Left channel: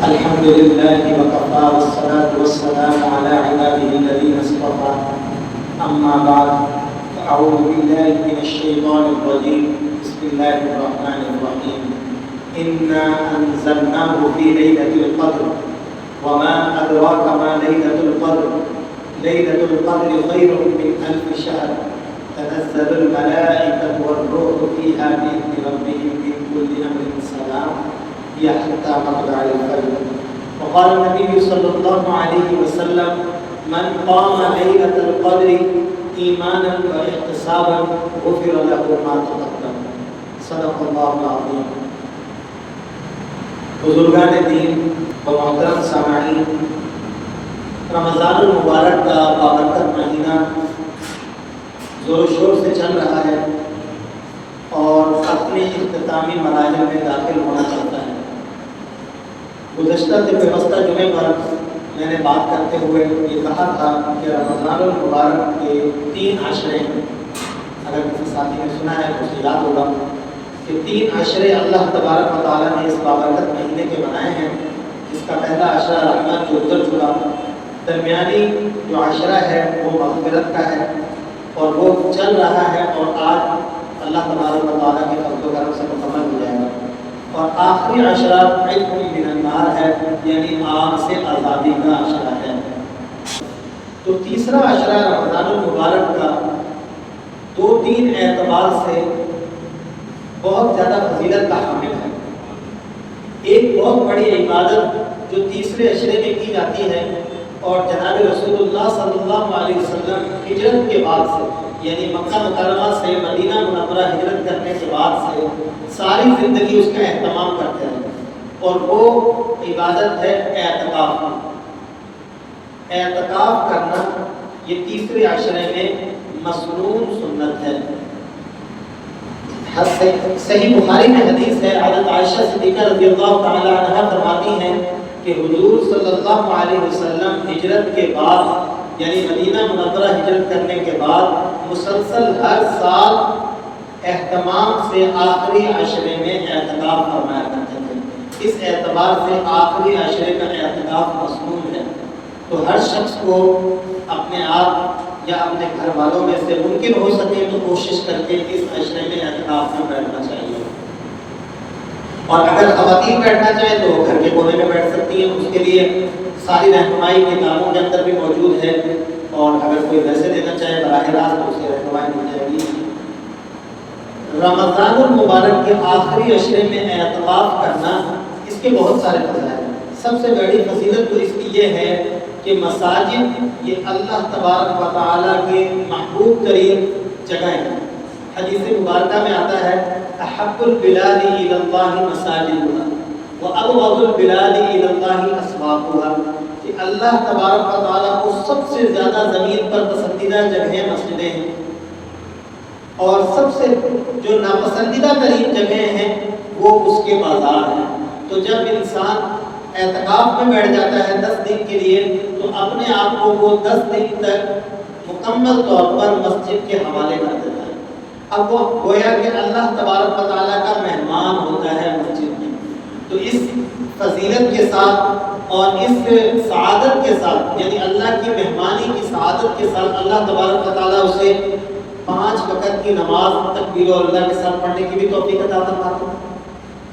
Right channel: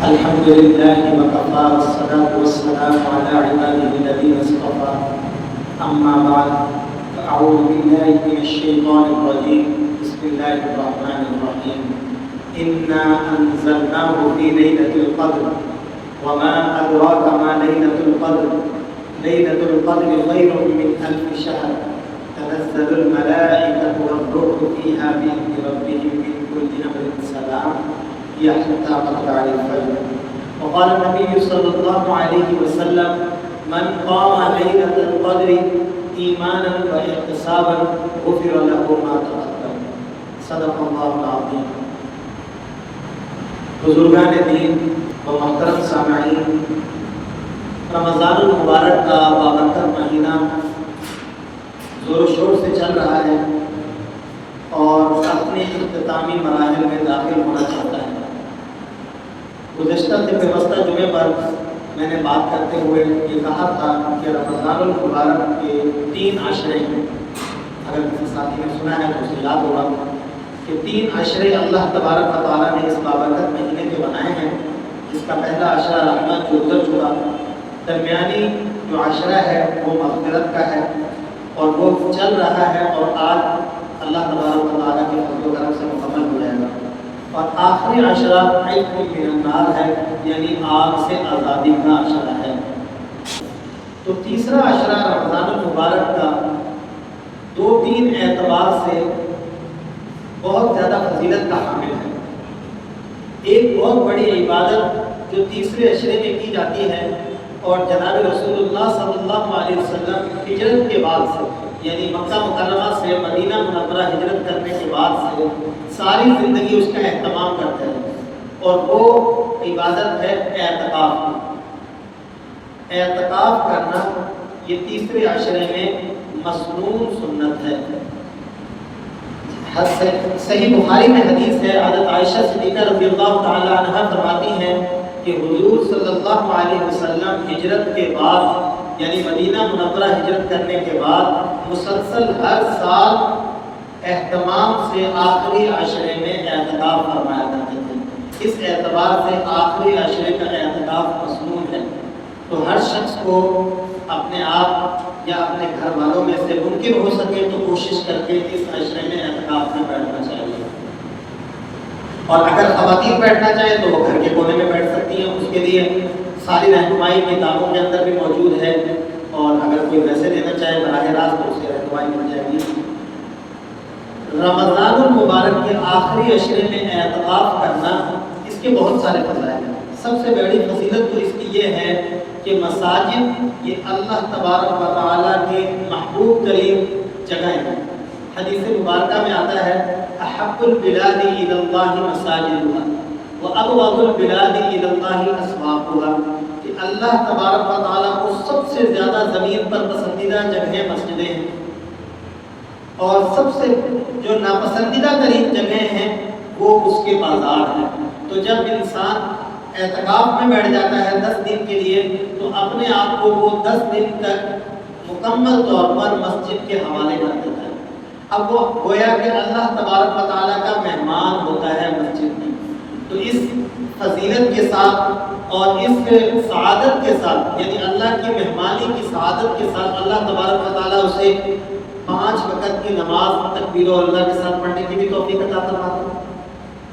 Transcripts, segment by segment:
الحمد لله وكفى والصلاة والسلام على عباده الذين اصطفى أما بعد فأعوذ بالله من الشيطان الرجيم بسم الله الرحمن الرحيم إنا أنزلناه في ليلة القدر وما أدراك ما ليلة القدر ليلة القدر خير من ألف شهر تنزل الملائكة والروح فيها بإذن ربهم من كل أمر سلام هي حتى مطلع الفجر. وقال النبي صلى الله عليه وسلم من قام ليلة القدر ایمانا و احتسابا غفر له ما تقدم. صدق اللہ العظیم. بزرگان دین و محترم سامعین، رمضان المبارک کا بابرکت مہینہ زور و شور سے چل رہا ہے اور اپنے اختتامی مراحل میں داخل ہونا چاہتا ہے. گزشتہ پیوستہ جمعے پر میں نے بات کرتے ہوئے یہ کہا تھا کہ رمضان المبارک کے 3 عشرے، اگر کسی ساتھی نے سنا ہے تو اسے یاد ہوگا کہ 3 عشرے اللہ تبارک و تعالیٰ نے اس بابرکت مہینے کے بنائے ہیں. جس کا پہلا عشرہ رحمت جو گزر چکا، درمیانی جو عشرہ ہے وہ مغفرت کا ہے اور وہ چل رہا ہے اور آج اللہ تبارک و تعالیٰ کے فضل و کرم سے مکمل ہو جائے گا. اور آخری عشرہ عتق من النار ہے، یعنی آگ سے آزادی کا عشرہ ہے. تو تیسرا عشرہ رمضان المبارک کا 2-3 اعتبار سے بہت زیادہ فضیلت کا حامل ہے. ایک بہت بڑی عبادت جو تیسرے عشرے میں کی جاتی ہے اور جناب رسول اللہ صلی اللہ علیہ وسلم ہجرت کے بعد سے، یعنی مکہ مکرمہ سے مدینہ منورہ ہجرت کرنے کے بعد سے ساری زندگی اس کا اہتمام کرتے ہیں، اور وہ عبادت ہے اعتکاف. اعتکاف کرنا یہ تیسرے عشرے میں مسنون سنت ہے. صحیح بخاری میں حدیث ہے، حضرت عائشہ صدیقہ رضی اللہ تعالی عنہا فرماتی ہیں کہ حضور صلی اللہ علیہ وسلم ہجرت کے بعد، یعنی مدینہ منورہ ہجرت کرنے کے بعد مسلسل ہر سال اہتمام سے آخری عشرے میں اعتکاف فرمایا کرتے تھے. اس اعتبار سے آخری عشرے کا اعتکاف مسنون ہے. تو ہر شخص کو اپنے آپ یا اپنے گھر والوں میں سے ممکن ہو سکے تو کوشش کر کے اس عشرے میں اعتکاف میں بیٹھنا چاہیے. اور اگر خواتین بیٹھنا چاہے تو وہ گھر کے کونے میں بیٹھ سکتی ہیں. اس کے لیے ساری رہنمائی کتابوں کے اندر بھی موجود ہے، اور اگر کوئی ویسے دینا چاہے براہ راست تو اسے رہنمائی مل جائے گی. رمضان المبارک کے آخری عشرے میں اعتکاف کرنا، اس کے بہت سارے فضائل ہیں. سب سے بڑی فضیلت تو اس کی یہ ہے کہ مساجد یہ اللہ تبارک و تعالیٰ کے محبوب ترین جگہیں ہیں. حدیث مبارکہ میں آتا ہے احب البلاد الی اللہ مساجدها وابغض البلاد الی اللہ اسواقها، کہ اللہ تبارک و تعالیٰ کو سب سے زیادہ زمین پر پسندیدہ جگہیں مسجدیں ہیں، اور سب سے جو ناپسندیدہ ترین جگہیں ہیں وہ اس کے بازار ہیں. تو جب انسان اعتکاف میں بیٹھ جاتا ہے 10 دن کے لیے، تو اپنے آپ کو وہ 10 دن تک مکمل طور پر مسجد کے حوالے کر دیتا ہے. اب وہ گویا کہ اللہ تبارک و تعالیٰ کا مہمان ہوتا ہے مسجد میں. تو اس فضیلت کے ساتھ اور اس سعادت کے ساتھ، یعنی اللہ کی مہمانی کی سعادت کے ساتھ، اللہ تبارک و تعالیٰ اسے 5 وقت کی نماز تکبیر و اللہ کے ساتھ پڑھنے کی بھی توفیق عطا فرماتے ہیں.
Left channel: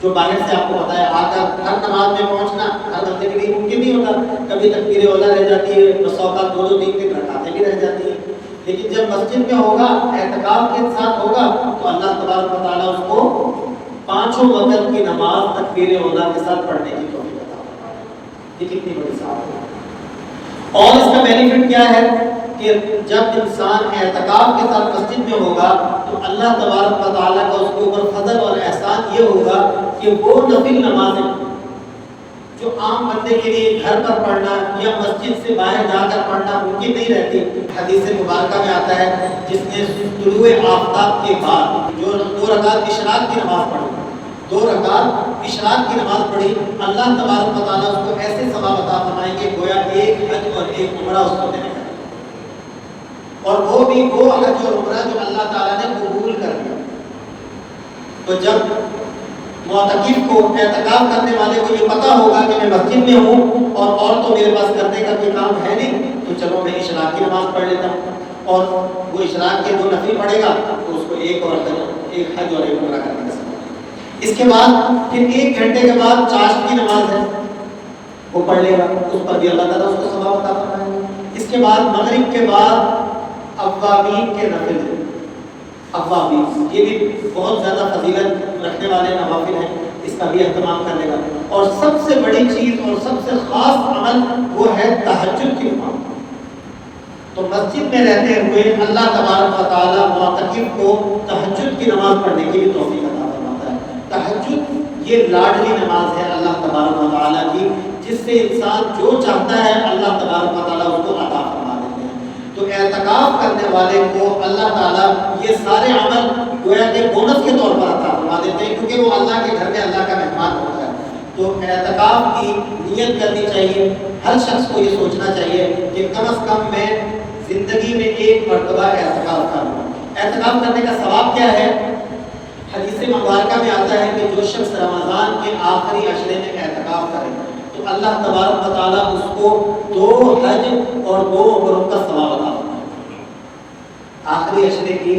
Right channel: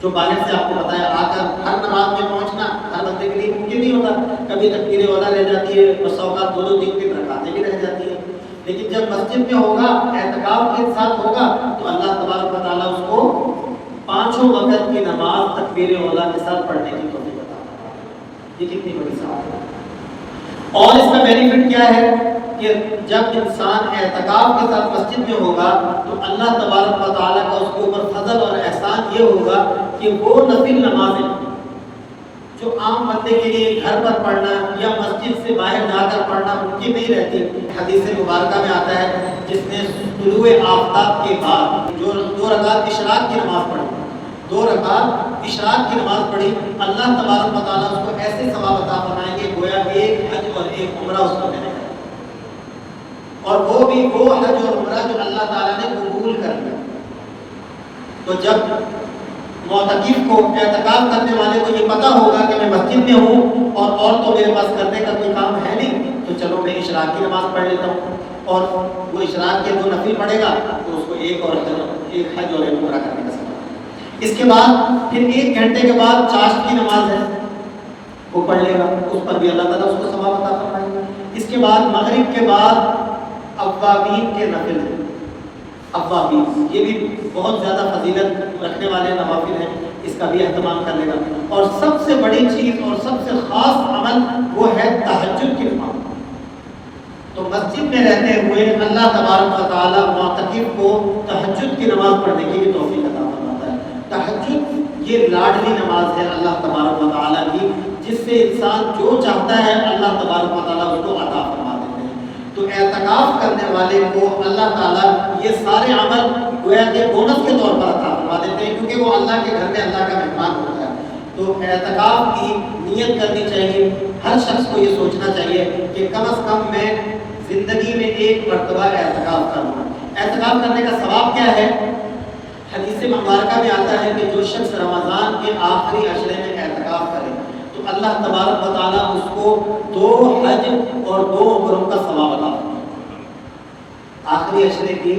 جو باہر سے آپ کو پتہ ہے آ کر ہر نماز میں پہنچنا ہر بندے کے لیے ممکن نہیں ہوتا. کبھی تکبیر اولا رہ جاتی ہے، بس اوقات 2-2 3 رکعتیں بھی رہ جاتی ہیں. لیکن جب مسجد میں ہوگا، اعتکاف کے ساتھ ہوگا، تو اللہ تبارک و تعالیٰ اس کو 5 وقت کی نماز تکبیر اولا کے ساتھ پڑھنے کی توفیق عطا فرماتے ہیں. یہ کتنی بڑی سعادت ہے. اور اس کا بینیفٹ کیا ہے کہ جب انسان اعتکاف کے ساتھ مسجد میں ہوگا تو اللہ تبارک و تعالیٰ کا اس کے اوپر فضل اور احسان یہ ہوگا کہ وہ نفل نمازیں جو عام بندے کے لیے گھر پر پڑھنا یا مسجد سے باہر جا کر پڑھنا ممکن نہیں رہتی. حدیث مبارکہ میں آتا ہے جس نے طلوع آفتاب کے بعد جو 2 رکعت اشراق کی نماز پڑھی، 2 رکعت اشراق کی نماز پڑھی، اللہ تبارک و تعالیٰ اس کو ایسے ثواب عطا فرمائیں گے گویا ایک حج اور ایک عمرہ اس کو دینے کا، اور وہ بھی وہ حج اور عمرہ جو اللہ تعالیٰ نے قبول کر لیا. تو جب معتکف کو, اعتکاف کرنے والے کو یہ پتہ ہوگا کہ میں مسجد میں ہوں اور تو میرے پاس کرنے کا کوئی کام ہے نہیں, تو چلو میں اشراق کی نماز پڑھ لیتا ہوں, اور وہ اشراق کے 2 نفل پڑھے گا تو اس کو ایک حج اور ایک عمرہ کرنے کا ثواب. اس کے بعد پھر 1 گھنٹے کے بعد چاشت کی نماز ہے, وہ پڑھ لے گا, اس پر بھی اللہ تعالیٰ اس کو ثواب عطا فرمائے گا. اس کے بعد مغرب کے بعد اوابین کے نفل ہیں, اوابین یہ بھی بہت زیادہ فضیلت رکھنے والے نوافل ہیں, اس کا بھی اہتمام کر لے گا. اور سب سے بڑی چیز اور سب سے خاص عمل وہ ہے تہجد کی نماز. تو مسجد میں رہتے ہوئے اللہ تبارک و تعالیٰ معتکف کو تہجد کی نماز پڑھنے کی بھی توفیق عطا فرماتا ہے. تہجد یہ لاڈلی نماز ہے اللہ تبارک و تعالیٰ کی, جس سے انسان جو چاہتا ہے اللہ تبارک و تعالیٰ اس کو عطا فرما دیتے ہیں. تو اعتکاف کرنے والے کو اللہ تعالیٰ یہ سارے عمل گویا کہ بونس کے طور پر عطا فرما دیتے ہیں, کیونکہ وہ اللہ کے گھر میں اللہ کا مہمان ہوتا ہے. تو اعتکاف کی نیت کرنی چاہیے, ہر شخص کو یہ سوچنا چاہیے کہ کم از کم میں زندگی میں 1 مرتبہ اعتکاف کروں. اعتکاف کرنے کا ثواب کیا ہے؟ حدیث مبارکہ میں آتا ہے کہ جو شخص رمضان کے آخری عشرے میں اعتکاف کرے تو اللہ تبارک و تعالیٰ اس کو 2 حج اور 2 عمروں کا ثواب عطا فرمائے. آخری عشرے کی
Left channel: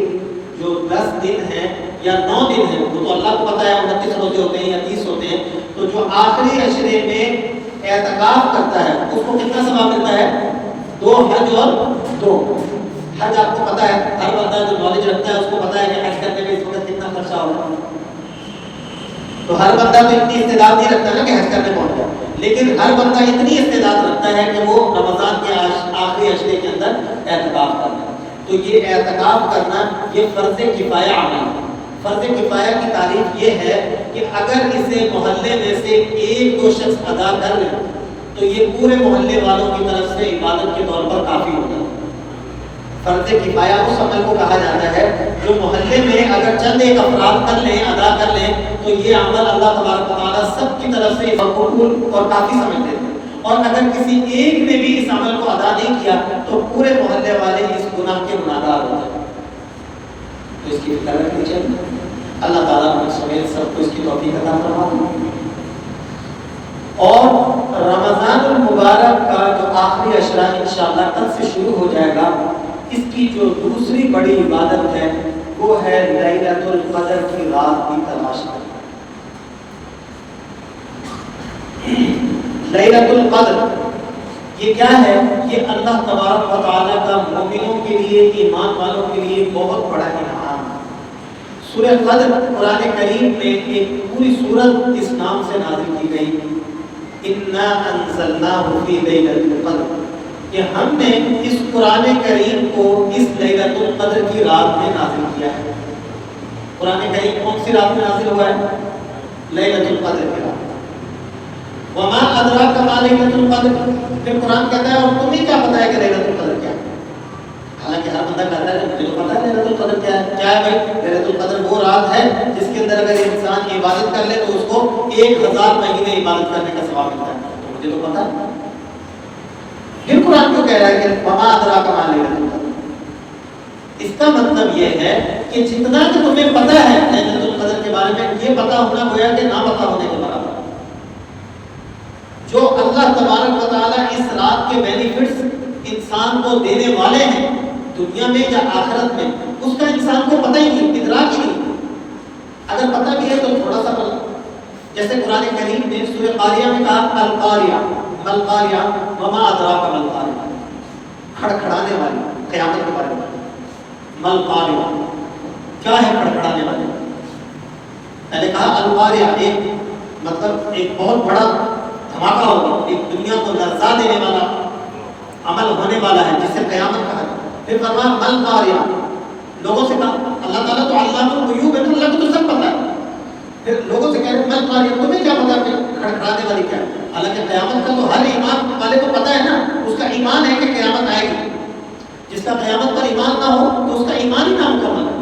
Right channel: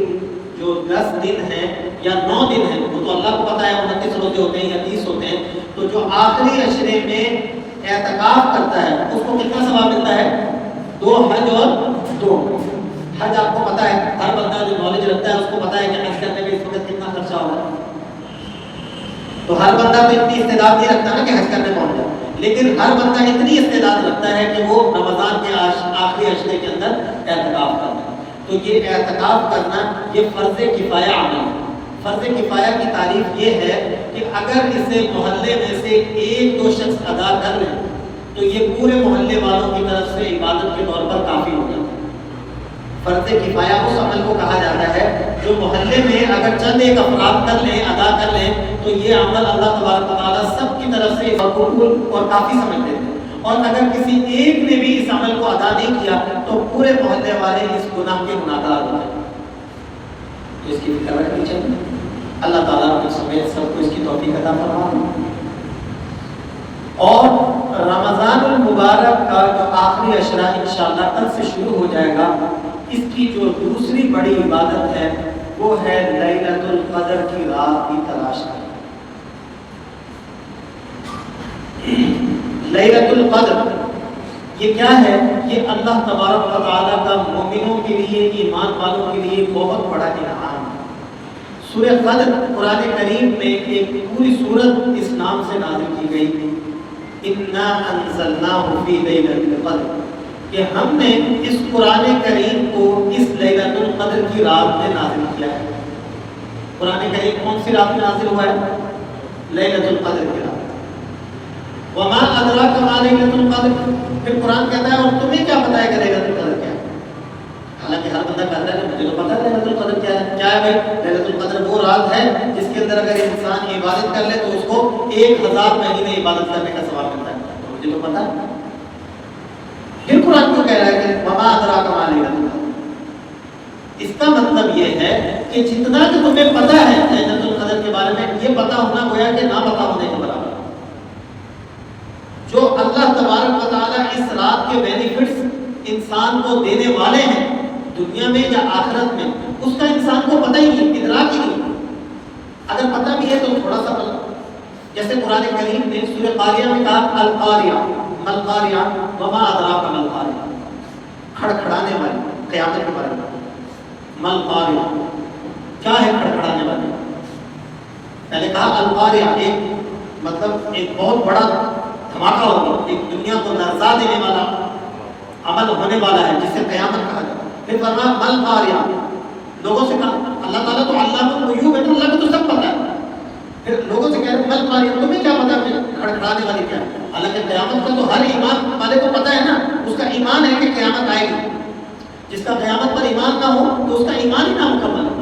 جو 10 دن ہیں یا 9 دن ہیں, وہ تو اللہ کو پتہ ہے 29 روزے ہوتے ہیں یا 30 ہوتے ہیں, تو جو آخری عشرے میں اعتکاف کرتا ہے اس کو کتنا ثواب ملتا ہے؟ 2 حج اور 2. حج آپ کو پتہ ہے, ہر بندہ جو نالج رکھتا ہے اس کو پتہ ہے کہ حج کرنے میں اس وقت کتنا خرچہ ہوگا. تو ہر بندہ تو اتنی استعداد نہیں رکھتا نا کہ حج کرنے پہنچ جائے, لیکن ہر بندہ اتنی استعداد رکھتا ہے کہ وہ رمضان کے آخری عشرے کے اندر اعتکاف کرنا. تو یہ اعتکاف کرنا یہ فرض کفایہ عمل ہے. فرض کفایہ کی تعریف یہ ہے کہ اگر اسے محلے میں سے 1-2 شخص ادا کر لیں تو یہ پورے محلے والوں کی طرف سے عبادت کے طور پر کافی ہو جاتا ہے. فرض کفایہ اس عمل کو کہا جاتا ہے جو محلے میں اگر چند 1 افراد کر لیں, ادا کر لیں, تو یہ عمل اللہ تبارک و تعالیٰ سب کی طرف سے مقبول اور کافی سمجھ لیتے ہیں. اور اگر کسی ایک نے بھی اس عمل کو ادا نہیں کیا تو پورے محلے والے اس گناہ کے گناہگار ہوتے ہیں. تو اس کی فکر رکھنی چاہیے. اللہ تعالیٰ نے سمیت سب کو اس کی توفیق عطا فرمائے. اور رمضان المبارک کا جو آخری عشرہ انشاءاللہ کل سے شروع ہو جائے گا, اس کی جو دوسری بڑی عبادت ہے وہ ہے لیلۃ القدر کی رات کی تلاش. لیلۃ القدر یہ کیا ہے؟ یہ اللہ تبارک و تعالیٰ کا مومنوں کے لیے, ایمان والوں کے لیے بہت بڑا انعام ہے. سورہ قدر قرآن کریم میں ایک پوری سورت اس نام سے نازل کی گئی, انا انزلناہ فی لیلۃ القدر, کہ ہم نے اس قرآن کریم کو اس لیلۃ القدر کی رات میں نازل کیا ہے. قرآن کریم کون سی رات میں نازل ہوا ہے؟ لیلۃ القدر کی رات. وما ادراک ما لیلۃ القدر, پھر قرآن کہتا ہے اور تمہیں کیا پتہ ہے کہ لیلۃ القدر کیا ہے؟ حالانکہ ہر بندہ کہتا ہے مجھے تو پتہ ہے لیلۃ القدر کیا ہے. کیا ہے بھائی؟ لیلۃ القدر وہ رات ہے جس کے اندر اگر انسان عبادت کر لے تو اس کو 1000 مہینے عبادت کرنے کا ثواب ملتا ہے. تو مجھے تو پتہ ہے. پھر قرآن کو کہہ رہا ہے کہ وما ادراک ما لیلۃ القدر. اس کا مطلب یہ ہے کہ جتنا کہ تمہیں پتہ ہے لیلۃ القدر کے بارے میں, یہ پتہ ہونا گویا کہ نہ پتہ ہونے کے برابر. جو اللہ تبارک و تعالیٰ اس رات کے بینیفٹس انسان کو دینے والے ہیں دنیا میں یا آخرت میں, اس کا انسان کو پتہ ہی نہیں, ادراک ہی نہیں. اگر پتہ بھی ہے تو تھوڑا سا پتہ. جیسے قرآن کریم نے سورہ قاریہ میں کہا القاریہ, القاریہ وما ادراک ما القاریہ, کھڑکھڑانے والی, قیامت کے بارے میں. القاریہ کیا ہے؟ کھڑکھڑانے والی. میں نے کہا القاریہ ایک مطلب ایک بہت بڑا دھماکہ ہوگا, ایک دنیا کو لرزا دینے والا عمل ہونے والا ہے جسے قیامت کہا جاتا ہے. پھر فرمایا مل قاریہ, لوگوں سے کہا, اللہ تعالیٰ تو علام الغیوب ہے, تو اللہ کو تو سب پتہ ہے. پھر لوگوں سے کہہ رہے مل قاریہ, تمہیں کیا پتہ ہے کھڑکھڑانے والی کیا ہے؟ حالانکہ قیامت کا تو ہر ایمان والے کو پتہ ہے نا, اس کا ایمان ہے کہ قیامت آئے گی. جس کا قیامت پر ایمان نہ ہو تو اس کا ایمان ہی نامکمل ہے.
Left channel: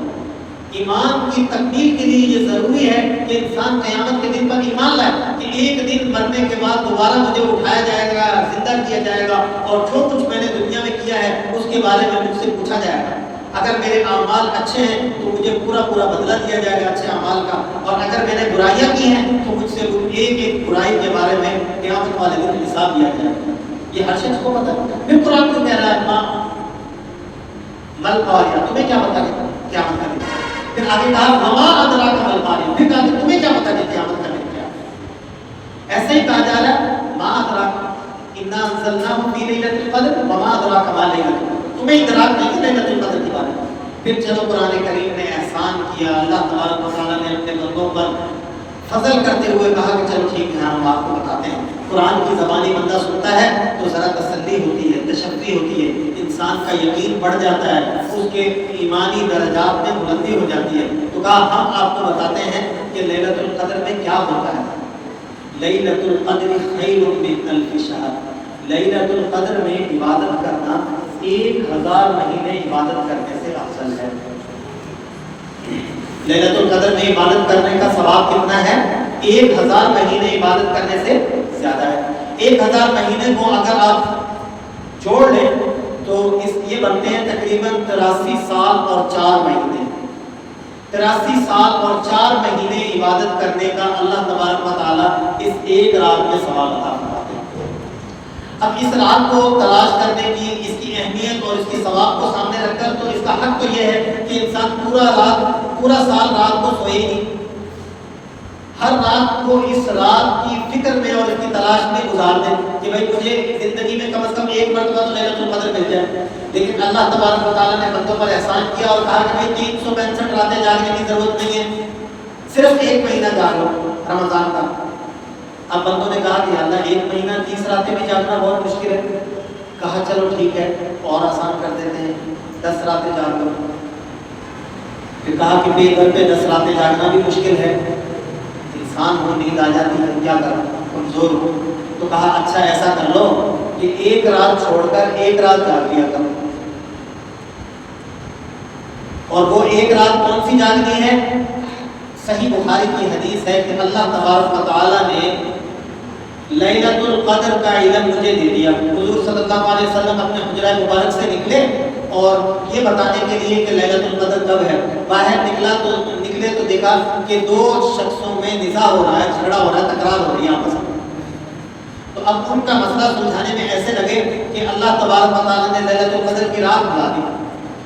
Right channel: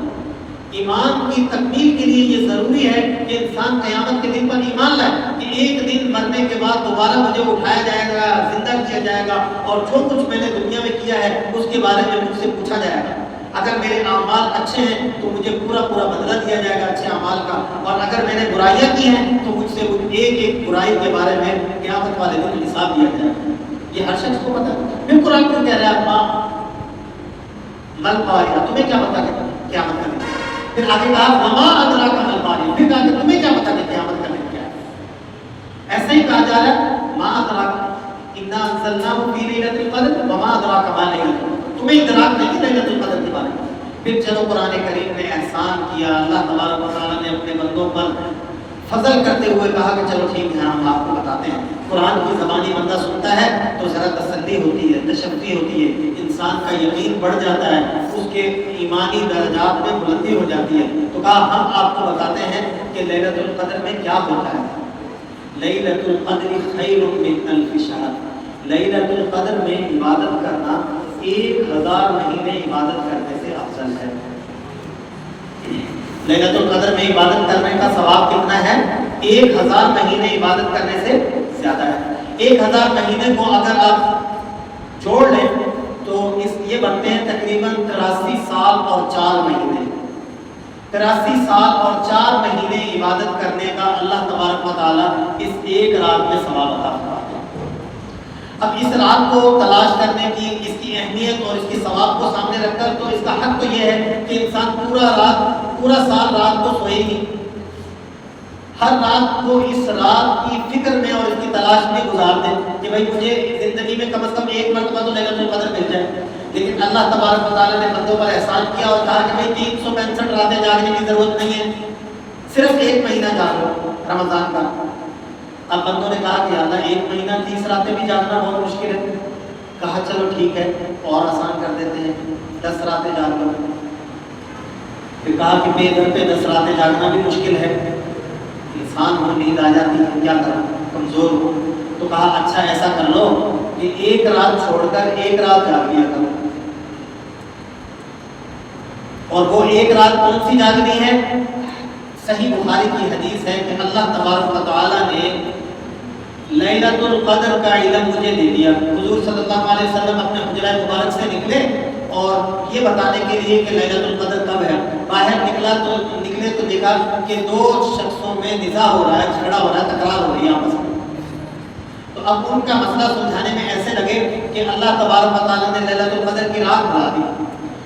ایمان کی تکمیل کے لیے یہ ضروری ہے کہ انسان قیامت کے دن پر ایمان لائے کہ ایک دن مرنے کے بعد دوبارہ مجھے اٹھایا جائے گا, زندہ کیا جائے گا, اور جو کچھ میں نے دنیا میں کیا ہے اس کے بارے میں مجھ سے پوچھا جائے گا. اگر میرے اعمال اچھے ہیں تو مجھے پورا پورا بدلہ دیا جائے گا اچھے اعمال کا، اور اگر میں نے برائیاں کی ہیں تو مجھ سے وہ ایک ایک برائی کے بارے میں قیامت والے دن حساب لیا جائے گا۔ یہ ہر شخص کو پتہ ہے۔ پھر قرآن کو کہہ رہا ہے ماں مل قاریہ، تمہیں کیا پتہ ہے قیامت کا دن؟ پھر آگے کہا وما ادراک مل قاریہ، پھر کہا کہ تمہیں کیا پتہ کہ قیامت کا دن کیا ہے؟ ایسے ہی کہا جا رہا ہے ما ادراک انا انزلناہ فی لیلۃ القدر وما ادراک ما لیلۃ القدر، تمہیں ادراک نہیں کہ لیلۃ القدر کے بارے میں۔ پھر چلو قرآن کریم نے احسان کیا، اللہ تبارک و تعالیٰ نے اپنے بندوں پر فضل کرتے ہوئے کہا کہ چلو ٹھیک ہے ہم آپ کو بتاتے ہیں۔ قرآن کی زبانی بندہ سنتا ہے تو ذرا تسلی ہوتی ہے، تشفی ہوتی ہے، انسان کا یقین بڑھ جاتا ہے، اس کے ایمانی درجات میں بلندی ہو جاتی ہے۔ تو کہا ہم آپ کو بتاتے ہیں کہ لیلۃ القدر میں کیا ہوتا ہے۔ لیلۃ القدر خیر من الف شہر، لیلۃ القدر میں عبادت کرنا 1000 مہینے عبادت کرنے سے افضل ہے۔ لیلۃ القدر میں عبادت کرنے کا ثواب کتنا ہے؟ 1000 مہینے عبادت کرنے سے زیادہ ہے۔ 1000 مہینے کو اگر آپ جوڑ لیں تو یہ بنتے ہیں تقریباً 83 سال اور 4 مہینے۔ 83 سال اور 4 مہینے عبادت کرنے کا اللہ تبارک و تعالیٰ اس ایک رات میں ثواب عطا فرماتے ہیں۔ اب اس رات کو تلاش کرنے کی، اس کی اہمیت اور اس کے ثواب کو سامنے رکھ کر تو اس کا حق تو یہ ہے کہ انسان پورا سال رات کو سوئے گی، ہر رات کو اس رات کی فکر میں اور اس کی تلاش میں گزار دیں کہ بھائی مجھے زندگی میں کم از کم ایک مرتبہ تو لیلۃ القدر مل جائے۔ لیکن اللہ تبارک و تعالیٰ نے بندوں پر احسان کیا اور کہا کہ بھائی 365 راتیں جاگنے کی ضرورت نہیں ہے، صرف ایک مہینہ جاگ لو رمضان کا۔ اب بندوں نے کہا کہ اللہ 1 مہینہ 30 راتیں بھی جاگنا بہت مشکل ہے۔ کہا چلو ٹھیک ہے اور آسان کر دیتے ہیں، 10 راتیں جاگ لو۔ پھر کہا کہ بے گھر پہ 10 راتیں جاگنا بھی مشکل ہے، انسان ہو نیند آ جاتی ہے، کیا کروں کمزور ہو۔ تو کہا اچھا ایسا کر لو کہ ایک رات چھوڑ کر ایک رات جاگ لیا کرو۔ اور وہ ایک رات کون سی جاگنی ہے؟ صحیح بخاری کی حدیث ہے کہ اللہ تبارک و تعالیٰ نے لیلۃ القدر کا علم مجھے دے دیا۔ حضور صلی اللہ علیہ وسلم اپنے حجرہ مبارک سے نکلے اور یہ بتانے کے لیے کہ لیلۃ القدر کب ہے، باہر نکلے تو دیکھا کہ 2 شخصوں میں نزاع ہو رہا ہے، جھگڑا ہو رہا ہے، تکرار ہو رہی ہے آپس میں۔ تو اب ان کا مسئلہ سلجھانے میں ایسے لگے کہ اللہ تبارک و تعالیٰ نے لیلۃ القدر کی رات بنا دی۔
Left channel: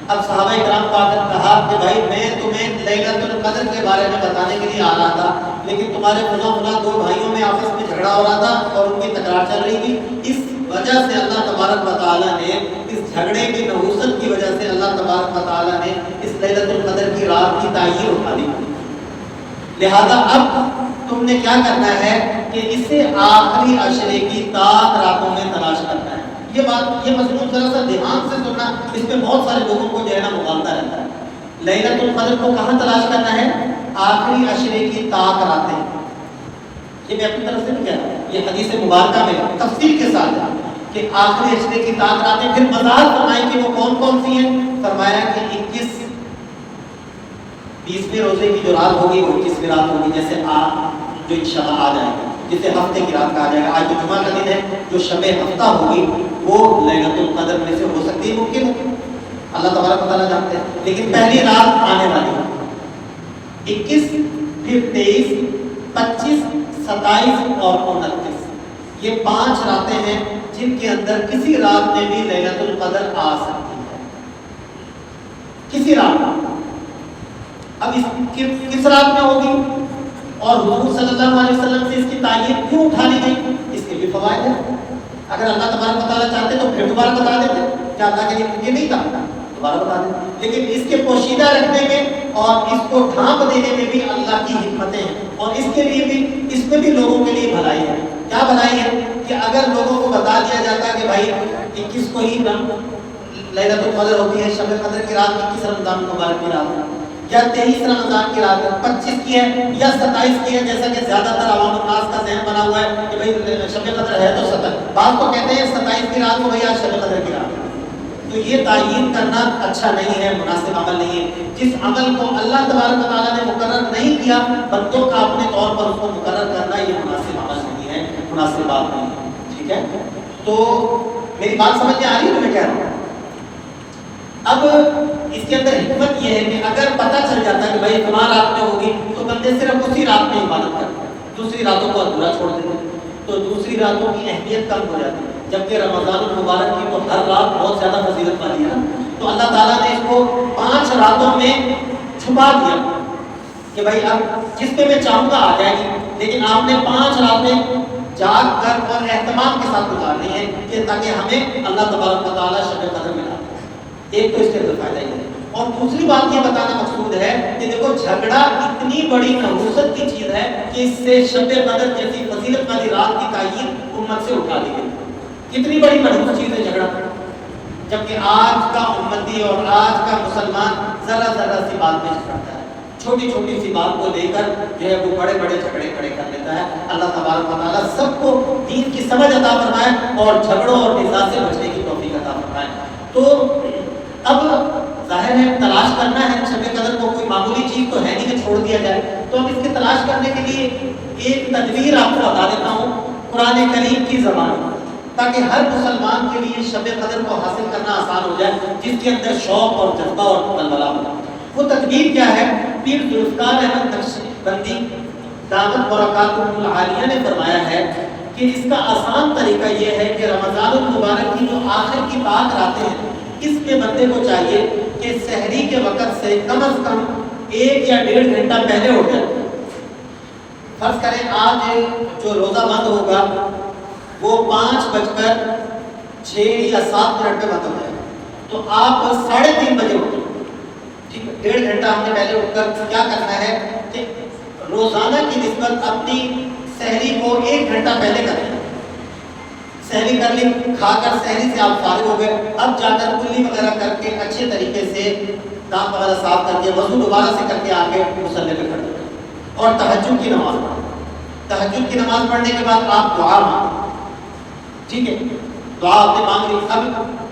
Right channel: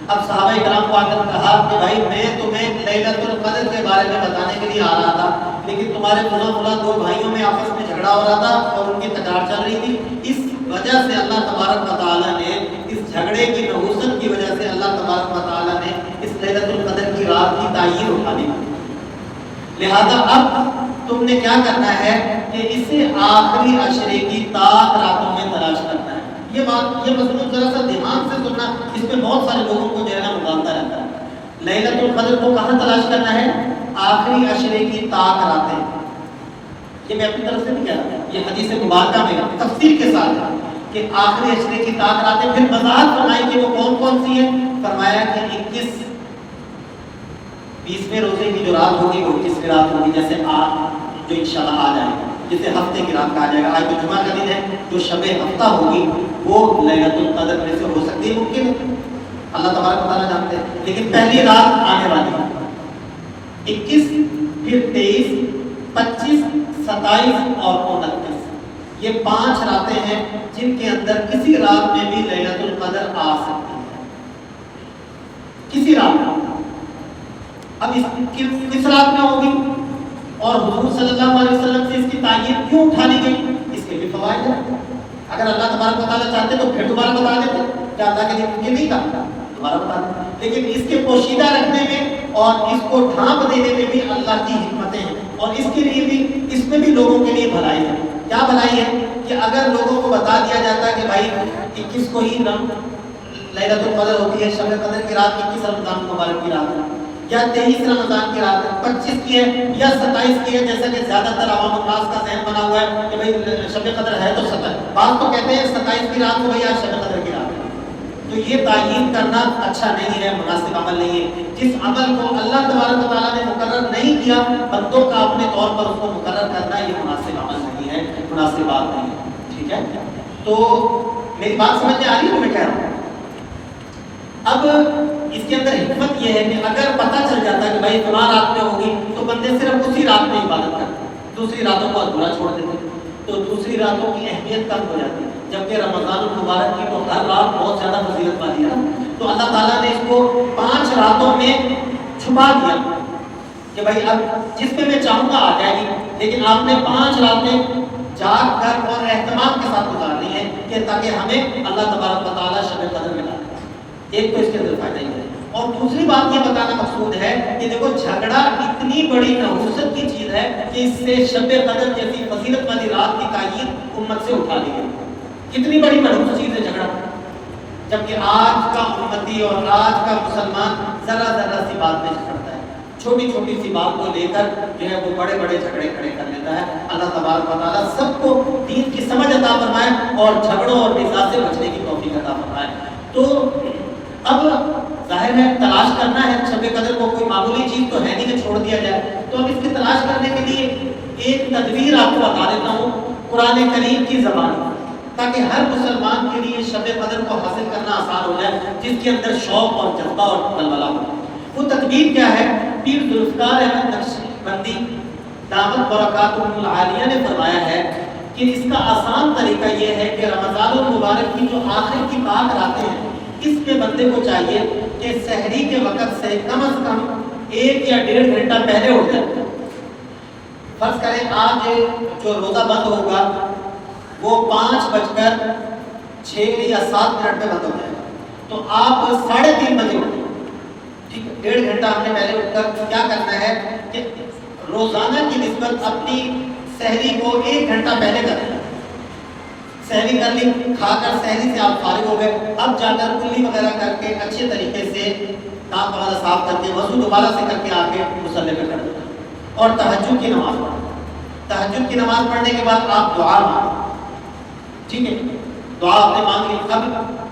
اب صحابہ کرام کو آ کر کہا کہ بھائی میں تمہیں لیلۃ القدر کے بارے میں بتانے کے لیے آ رہا تھا، لیکن تمہارے فلاں 2 بھائیوں میں آپس میں جھگڑا ہو رہا تھا اور ان کی تکرار چل رہی تھی، اس وجہ سے اللہ تبارک و تعالیٰ نے اس جھگڑے کی نحوست کی وجہ سے اللہ تبارک و تعالیٰ نے اس لیلۃ القدر کی رات کی تعین اٹھا لی۔ لہذا اب تم نے کیا کرنا ہے کہ اسے آخری عشرے کی طاق راتوں میں تلاش کرنا ہے۔ یہ مضمون ذرا سا دھیان سے سننا، اس میں بہت سارے لوگوں کو جو ہے نا مغالطہ رہتا ہے۔ لیلۃ القدر کو کہاں تلاش کرنا ہے؟ آخری عشرے کی طاق راتیں۔ یہ میں اپنی طرف سے نہیں کہہ رہا، یہ حدیث مبارکہ میں تفصیل کے ساتھ ہے کہ آخری عشرے کی طاق راتیں۔ پھر وضاحت فرمائی کہ وہ کون سی ہیں۔ فرمایا کہ 21 20ویں روزے کی جو رات ہوگی وہ 21ویں رات ہوگی، جیسے آج جو انشاءاللہ آ جائے گا، جسے ہفتے کی رات کہا جائے گا۔ آج تو جمعہ کا دن ہے، جو شب ہفتہ ہوگی وہ لیلۃ القدر میں سے ہو سکتی ہے، ممکن ہے، اللہ تبارک و تعالیٰ جانتے ہیں۔ لیکن پہلی رات آنے والی ہے 21، پھر 23، 25، 27 اور 29۔ یہ 5 راتیں ہیں جن کے اندر کسی رات میں بھی لیلۃ القدر آ سکتی ہے، کسی رات میں۔ اب کس رات میں ہوگی اور حضور صلی اللہ علیہ وسلم سے اس کی تعین کیوں اٹھا لی گئی، اس کے بھی فوائد ہیں۔ اگر اللہ تبارک و تعالیٰ چاہتے تو پھر دوبارہ بتا دیتے، کیا اللہ کے لیے ممکن نہیں تھا دوبارہ بتا دیتے، لیکن اس کے پوشیدہ رکھنے میں اور اس کو ڈھانپ دینے میں بھی اللہ کی حکمتیں ہیں، اور اس کے لیے بھی، اس میں بھی لوگوں کے لیے بھلائی ہے۔ کیا بھلائی ہے کہ اگر لوگوں کو بتا دیا جاتا کہ بھائی 21 کو ہی لیلۃ القدر ہوتی ہے، شب قدر کی رات 21 رمضان مبارک کی رات ہے، یا 23 رمضان کی رات ہے، 25 کی ہے یا 27 کی ہے، جیسا کہ زیادہ تر عوام الناس کا ذہن بنا ہوا ہے کہ بھائی شب قدر ہے تو 27، بعض تو کہتے ہیں 27 کی رات کو بھائی آج شب قدر کی رات ہے۔ تو یہ تعین کرنا اچھا نہیں ہے، مناسب عمل نہیں ہے۔ جس عمل کو اللہ تبارک و تعالیٰ نے مقرر نہیں کیا، بندوں کا اپنے طور پر اس کو مقرر کرنا یہ مناسب عمل نہیں ہے، مناسب بات نہیں ہے، ٹھیک ہے۔ تو میری بات سمجھ میں آ رہی ہے جو میں کہہ رہا ہوں؟ اب اس کے اندر حکمت یہ ہے کہ اگر پتہ چل جاتا ہے کہ بھائی اتنا رات میں ہوگی تو بندے صرف اسی رات میں عبادت کرتے ہیں، دوسری راتوں کو ادھورا چھوڑ دیتے ہیں، تو دوسری راتوں کی اہمیت کم ہو جاتی ہے، جبکہ رمضان المبارک کی تو ہر رات بہت زیادہ فضیلت والی ہے، تو اللہ تعالیٰ نے اس کو 5 راتوں میں چھپا دیا کہ بھائی اب جس پہ میں چاہوں گا آ جائے گی، لیکن آپ نے 5 راتیں جاگ کر اور اہتمام کے ساتھ گزارنی ہے کہ تاکہ ہمیں اللہ تبارک و تعالیٰ شب قدر میں لا دے۔ ایک تو اس کے اندر فائدہ ہی ہے، اور دوسری بات یہ بتانا مقصود ہے کہ دیکھو جھگڑا اتنی بڑی نحوست کی چیز ہے کہ اس سے شب قدر جیسی فضیلت والی رات کی تعین امت سے اٹھا دی گئی۔ کتنی بڑی نحوست چیز ہے جھگڑا، جبکہ آج کا امتی اور آج کا مسلمان ذرا ذرا سی بات میں جھگڑتا ہے، چھوٹی چھوٹی سی بات کو لے کر جو ہے وہ بڑے بڑے جھگڑے کھڑے کر لیتا ہے۔ اللہ تبارک و تعالیٰ سب کو دین کی سمجھ عطا فرمائے اور جھگڑوں اور نزاع سے بچنے کی توفیق عطا فرمائے۔ تو اب ظاہر ہے تلاش کرنا ہے شب قدر کو، کوئی معمولی چیز تو ہے نہیں کہ چھوڑ دیا جائے، تو اب اس کی تلاش کرنے کے لیے ایک تدبیر آپ کو بتا دیتا ہوں قرآن کریم کی زبان میں، تاکہ ہر مسلمان کے لیے شب قدر کو حاصل کرنا آسان ہو جائے، جس کے اندر شوق اور جذبہ اور ولولہ ہو۔ وہ تدبیر کیا ہے؟ پیر ذوالفقار احمد نقشبندی دامت برکاتہ العالیہ نے فرمایا ہے کہ اس کا آسان طریقہ یہ ہے کہ رمضان المبارک کی جو آخر کی 5 راتیں ہیں، اس میں بندے کو چاہیے کہ سحری کے وقت سے کم از کم 1 یا 1.5 گھنٹہ پہلے اٹھ جائے۔ فرض کریں آج جو روزہ بند ہوگا وہ 5:06 یا 7 منٹ میں بند ہو جائے، تو آپ 3:30 بجے اٹھیں، ٹھیک ہے؟ 1.5 گھنٹہ ہم نے پہلے اٹھ کر کیا کرنا ہے کہ روزانہ کی نسبت اپنی سحری کو 1 گھنٹہ پہلے کریں۔ سحری کر لی، کھا کر سحری سے آپ فارغ ہو گئے، اب جا کر کلی وغیرہ کر کے اچھے طریقے سے دانت وغیرہ صاف کر کے وضو دوبارہ سے کر کے آ کے مصلی پہ کھڑے ہو اور تہجد کی نماز پڑھیں۔ تہجد کی نماز پڑھنے کے بعد آپ دعا مانگیں، ٹھیک ہے؟ دعا آپ نے مانگ لی، اب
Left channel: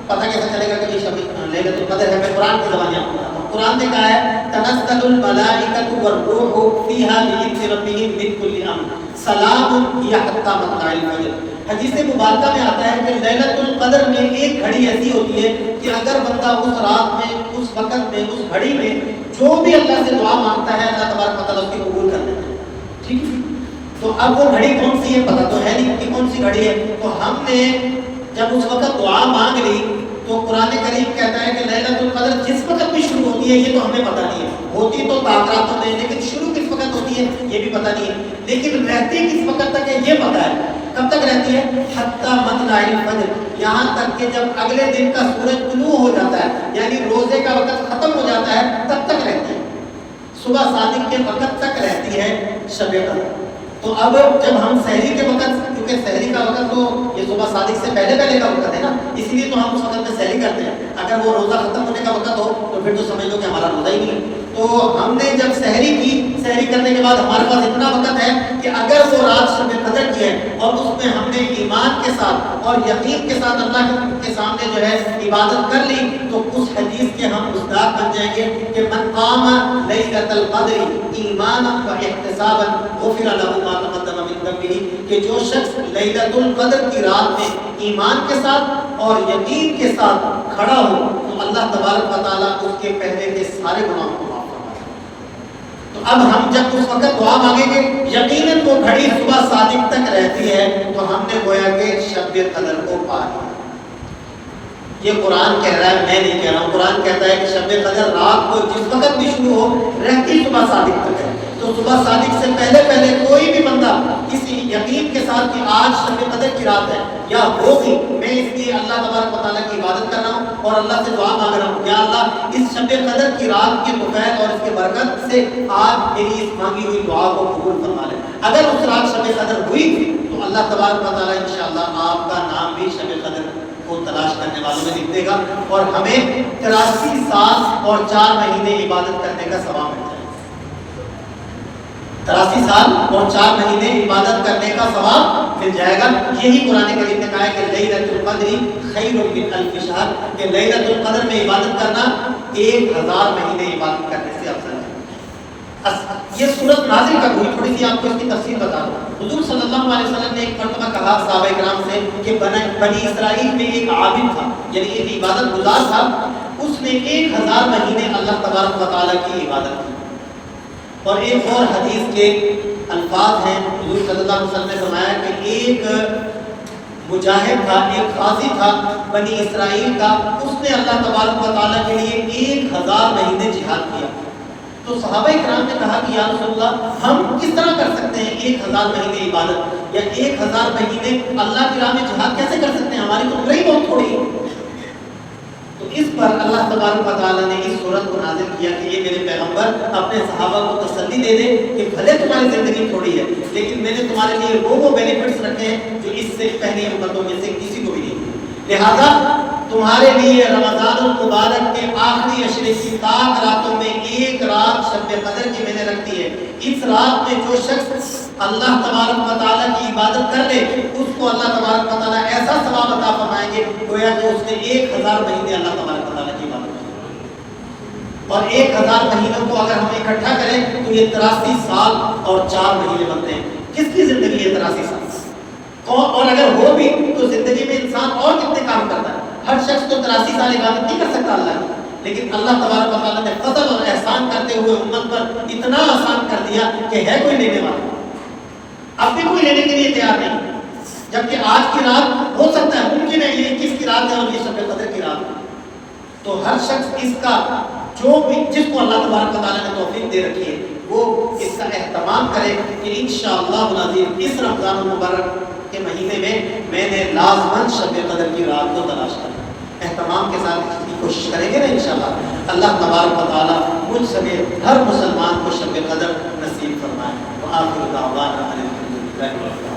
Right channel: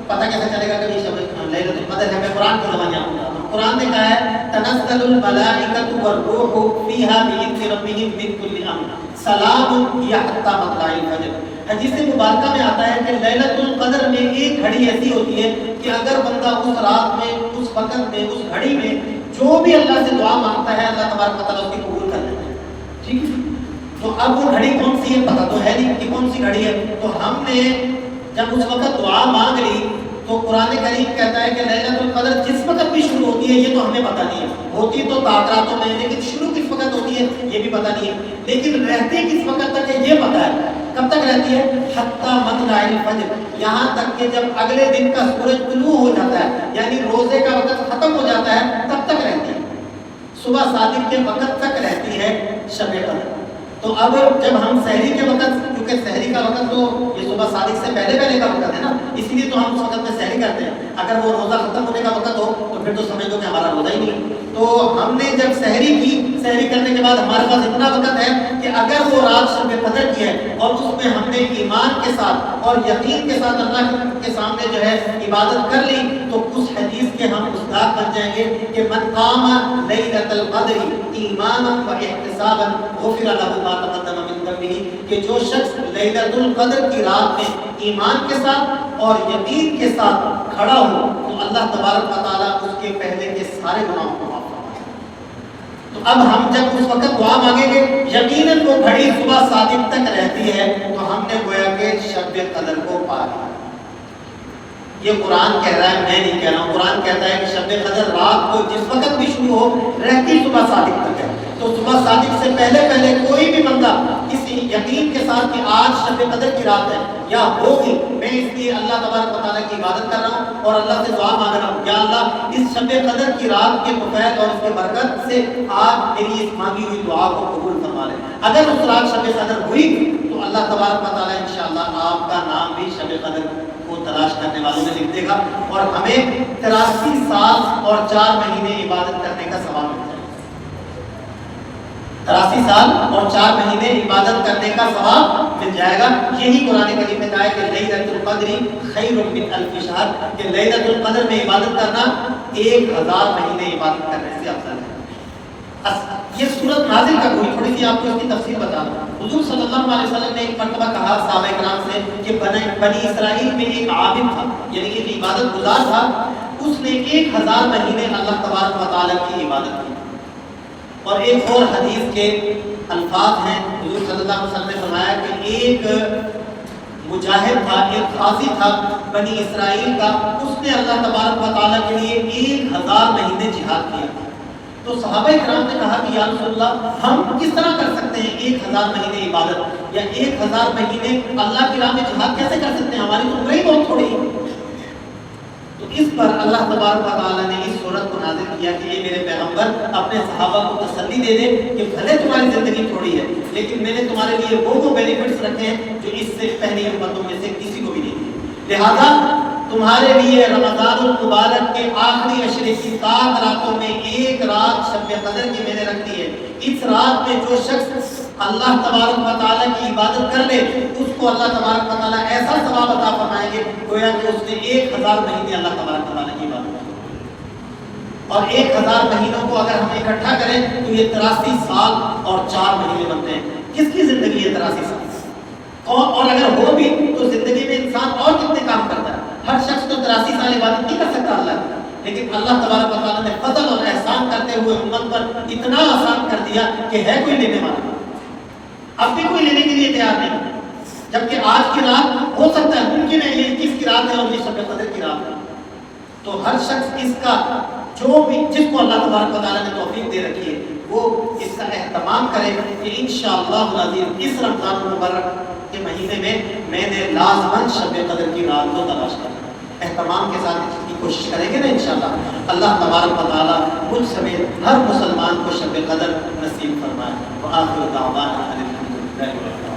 پتہ کیسے چلے گا کہ یہ شب لیلۃ القدر ہے؟ میں قرآن کی زبان آپ کو بتاتا ہوں۔ قرآن نے کہا ہے تنزل الملائکۃ والروح فیہا بإذن ربہم من کل امر سلام ہی حتی مطلع الفجر۔ حدیث مبارکہ میں آتا ہے کہ لیلۃ القدر میں ایک گھڑی ایسی ہوتی ہے کہ اگر بندہ اس رات میں، اس وقت میں، اس گھڑی میں جو بھی اللہ سے دعا مانگتا ہے اللہ تبارک و تعالیٰ اس کی قبول کر لیتا ہے، ٹھیک ہے؟ تو اب وہ گھڑی کون سی ہے پتہ تو ہے نہیں کہ کون سی گھڑی ہے، تو ہم نے جب اس وقت دعا مانگ لی تو قرآن کریم کہتا ہے کہ لیلۃ القدر جس وقت بھی شروع ہوتی ہے یہ تو ہمیں پتہ نہیں ہے، ہوتی تو تاثراتوں میں، لیکن شروع کس وقت ہوتی ہے یہ بھی پتہ نہیں ہے، لیکن رہتی کس وقت تک ہے یہ پتہ ہے۔ کب تک رہتی ہے؟ حتی مطلع الفجر، یہاں تک کہ جب اگلے دن کا سورج طلوع ہو جاتا ہے، یعنی روزے کا وقت ختم ہو جاتا ہے تب تک رہتی ہے، صبح صادق کے وقت تک رہتی ہے شب قدر۔ تو اب جب ہم سحری کے وقت، کیونکہ سحری کا وقت تو یہ صبح صادق سے پہلے کا وقت ہے نا، اس لیے تو ہم اس وقت میں سحری کرتے ہیں، اگر وہ روزہ ختم ہونے کا وقت ہو تو پھر تو سمجھ لو کہ ہمارا روزہ ہی نہیں ہے۔ تو ہم نے جب سحری کی، سحری کرنے کے بعد ہمارے پاس اتنا وقت ہے کہ اگر وہ رات شب قدر کی ہے اور اس میں ہم نے ایمان کے ساتھ اور یقین کے ساتھ اللہ کے سامنے جو ہے عبادت کر لی تو اس حدیث کے ہم مصداق بن جائیں گے کہ من قام لیلۃ القدر ایمانا و احتسابا غفر له ما تقدم من ذنبه، کہ جو شخص لیلۃ القدر کی رات میں ایمان کے ساتھ اور یقین کے ساتھ کھڑا ہو تو اللہ تبارک و تعالیٰ اس کے پہلے کے سارے گناہوں کو معاف فرمائے۔ تو اب ہم جب اس وقت دعا مانگیں گے یقیناً وہ گھڑی صبح صادق تک رہتی ہے، تو ہم نے گویا کہ شب قدر کو پا لیا۔ یہ قرآن کہہ رہا ہے، میں نہیں کہہ رہا ہوں، قرآن کہتا ہے کہ شب قدر رات کو جس وقت بھی شروع ہو رہتی صبح صادق تک ہے، تو صبح صادق سے پہلے کوئی بھی بندہ کسی یقین کے ساتھ کہ آج شب قدر کی رات ہے یا ہوگی، میں اس لیے اللہ تبارک و تعالیٰ کی عبادت کر رہا ہوں اور اللہ سے دعا مانگ رہا ہوں، یا اللہ اس شب قدر کی رات کے فضائل اور اس کے برکت سے آپ میری اس مانگی ہوئی دعا کو قبول فرما لیں۔ اگر اس رات شب قدر ہوئی تو اللہ تبارک و تعالیٰ انشاءاللہ آپ کا نام بھی شب قدر کو تلاش کرنے والوں میں لکھ دے گا اور ہمیں 83 سال اور 4 مہینے عبادت کرنے کا ثواب مل جائے گا۔ 83 سال اور 4 مہینے عبادت کرنے کا ثواب مل جائے گا۔ یہی قرآن کریم نے کہا ہے کہ لیلۃ القدر خیر من الف شہر، کہ لیلۃ القدر میں عبادت کرنا 1000 مہینے عبادت کرنے سے افضل ہے۔ یہ صورت نازل کب ہوئی؟ تھوڑی سی آپ کو اس کی تفصیل بتا دوں۔ حضور صلی اللہ علیہ وسلم نے ایک مرتبہ کہا صحابہ کرام سے کہ بنی اسرائیل میں ایک عابد تھا، یعنی ایک عبادت گزار تھا، اس اس نے 1000 مہینے اللہ تبارک و تعالیٰ کی عبادت کی. اور ایک اور حدیث کے الفاظ ہیں، حضور صلی اللہ علیہ وسلم نے فرمایا کہ ایک مجاہد تھا، ایک غازی تھا بنی اسرائیل کا، اس نے اللہ تبارک و تعالیٰ کے لیے 1000 مہینے جہاد کیا. تو صحابہ کرام نے کہا کہ یا رسول اللہ ہم کس طرح کر سکتے ہیں 1000 مہینے عبادت یا 1000 مہینے اللہ کی راہ میں جہاد کیسے کر سکتے ہیں، ہماری تو عمر ہی بہت تھوڑی ہے. تو اس پر اللہ تبارک و تعالیٰ نے اس سورت کو نازل کیا کہ یہ میرے پیغمبر اپنے صحابہ کو تسلی دے دے کہ بھلے تمہاری زندگی تھوڑی ہے لیکن میں نے تمہارے لیے وہ بینیفٹس رکھے ہیں جو اس سے پہلی امتوں میں سے کسی کو بھی نہیں تھے. لہذا تمہارے لیے رمضان المبارک کے آخری عشرے کی 7 راتوں میں ایک رات شب قدر کی میں نے رکھ دی ہے. اس رات میں جو شخص اللہ تبارک و تعالیٰ کی عبادت کر لے اس کو اللہ تبارک و تعالیٰ ایسا ثواب عطا فرمائیں گے گویا کہ اس نے 1000 مہینے اللہ تبارک و تعالیٰ کی عبادت کی. اور 1000 مہینوں کو اگر ہم اکٹھا کریں تو یہ 83 سال اور 4 مہینے بنتے ہیں. کس کی زندگی ہے 83 سال؟ اور اگر ہو بھی تو زندگی میں انسان اور کتنے کام کرتا ہے؟ ہر شخص تو 83 سال عبادت نہیں کر سکتا اللہ کی، لیکن اللہ تبارک و تعالیٰ نے فضل اور احسان کرتے ہوئے امت پر اتنا آسان کر دیا کہ ہے کوئی لینے والا، اب بھی کوئی لینے کے لیے تیار نہیں. جبکہ آج کی رات ہو سکتا ہے، ممکن ہے یہ 21 کی رات ہے اور یہ شب قدر کی رات ہے. تو ہر شخص اس کا جو بھی جس کو اللہ تبارک و تعالیٰ نے توفیق دے رکھی ہے وہ اس کا اہتمام کرے کہ انشاءاللہ العظیم اس رمضان المبارک کے مہینے میں نے لازماً شب قدر کی رات کو تلاش کرنا. اہتمام کے ساتھ اس کی کوشش کریں گے نا انشاءاللہ اللہ تبارک و تعالیٰ مجھ سمیت ہر مسلمان کو شب قدر نصیب فرمائے. وآخر دعوانا الحمدللہ.